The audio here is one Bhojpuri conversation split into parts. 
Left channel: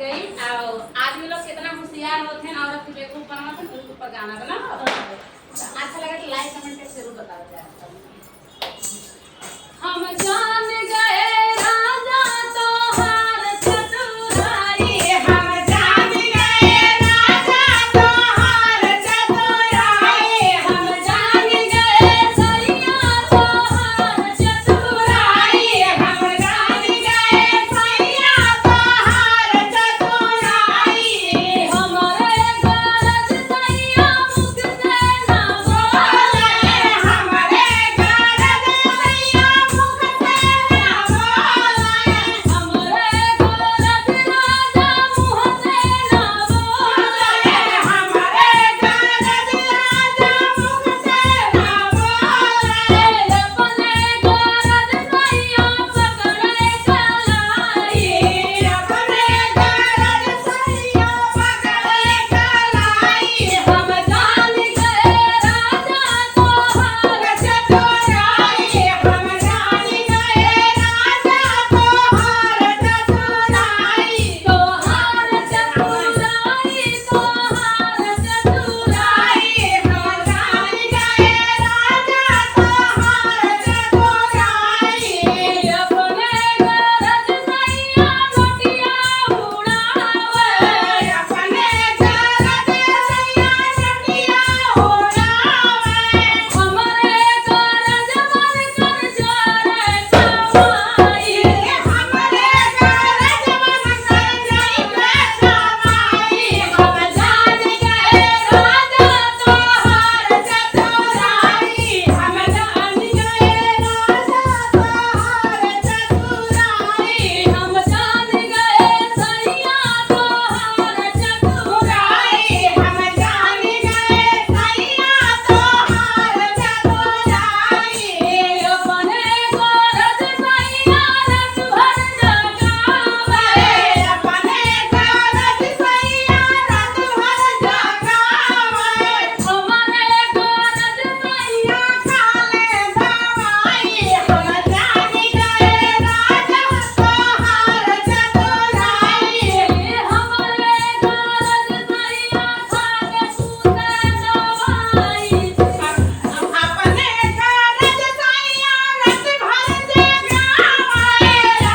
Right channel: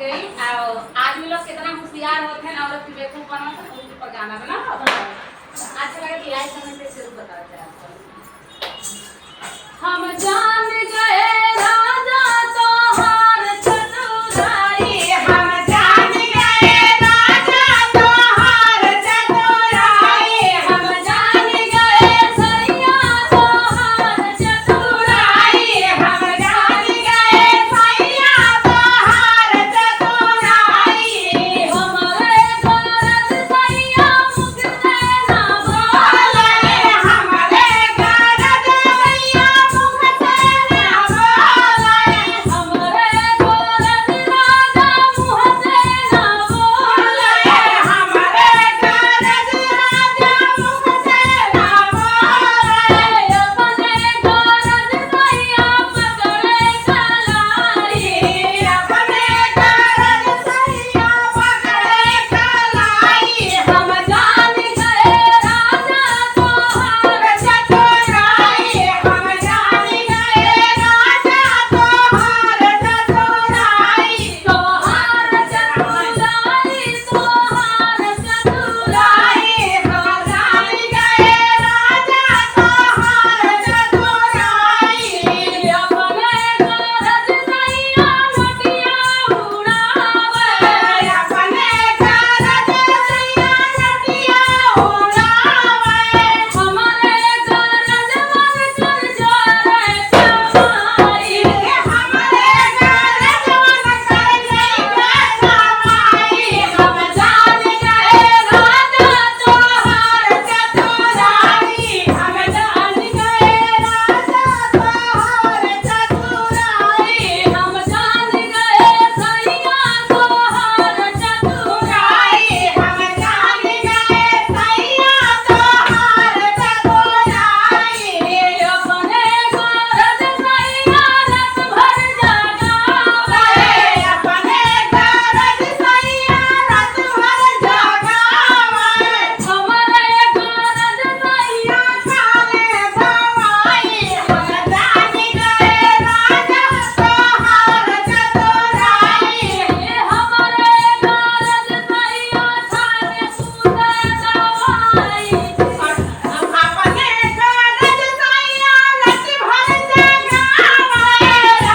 गई। आदमी लोग कितना होशियार होते हैं औरत की बेवकूफ बना तो उनके ऊपर गाना बना। अच्छा लगे तो लाइक कमेंट पे जरूर बता दें। हम जान गए राजा तोहार चतुराई, हम जान गए राजा तोहार चतुराई, हम जान गए सैया तोहार चतुराई, हम जान गए सैया तोहार चतुराई। हमरे गरज सैया मुख से ना बोले, हमरे गरज सैया मुख से ना बोले, हमरे गरज राजा मुँह से ना बोले, हमरे गरज राजा मुँह से ना बोले। अपने गरज सैया पकड़े कलाई, अपने गरज सैया पकड़े कलाई। हम जान गए राजा तोहार चतुराई, हम जान गए राजा तोहार चतुराई, तोहार चतुराई, तोहार चतुराई। हम जान गए राजा तोहार चतुराई। अपने गरज सैया नटिया उड़ावे, अपने गरज सैया नटिया उड़ावे। हमरे गरज मन कर जोरे कमाई, हमरे गरज मन कर जइबे कमाई। हम जान गए राजा तोहार चतुराई, हम जान गए राजा तोहार चतुराई, हम जान गए सैया तोहार चतुराई, हम जान गए सैया तोहार चतुराई। अपने गरज सैया रात भर जगावे, अपने गरज सैया रात भर जगावे। हमरे गरज सैया खाले दवाई, हम जान गए राजा तोहार चतुराई। हमरे गरज सैया खाले सूते दवाई, अपने गरज सैया रात भर जगावे,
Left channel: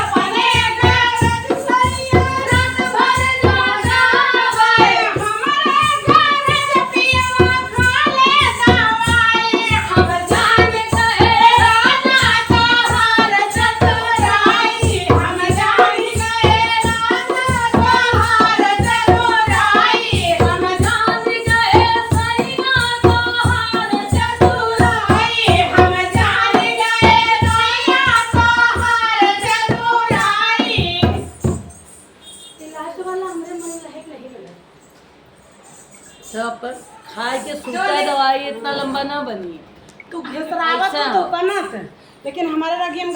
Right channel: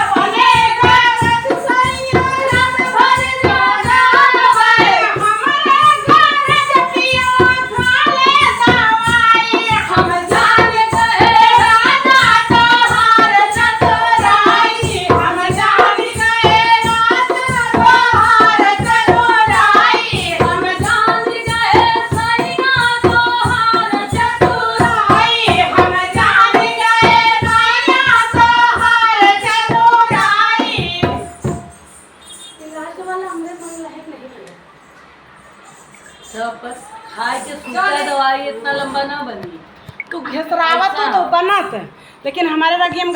अपने गरज सैया रात भर जगावे। हमरे गरज पिया खाले दवाई, हम जान गए राजा तोहार चतुराई, हम जान गए राजा तोहार चतुराई, हम जान गए सैया तोहार चतुराई, हम जान गए सैया तोहार चतुराई। लास्ट वाला हमरे मन लायक नहीं बना। सब पर खाए के सूखा दवाई इतना लंबा ना बनी। तू घेसरावत अच्छा। तो बनत, लेकिन हमारे लगी हम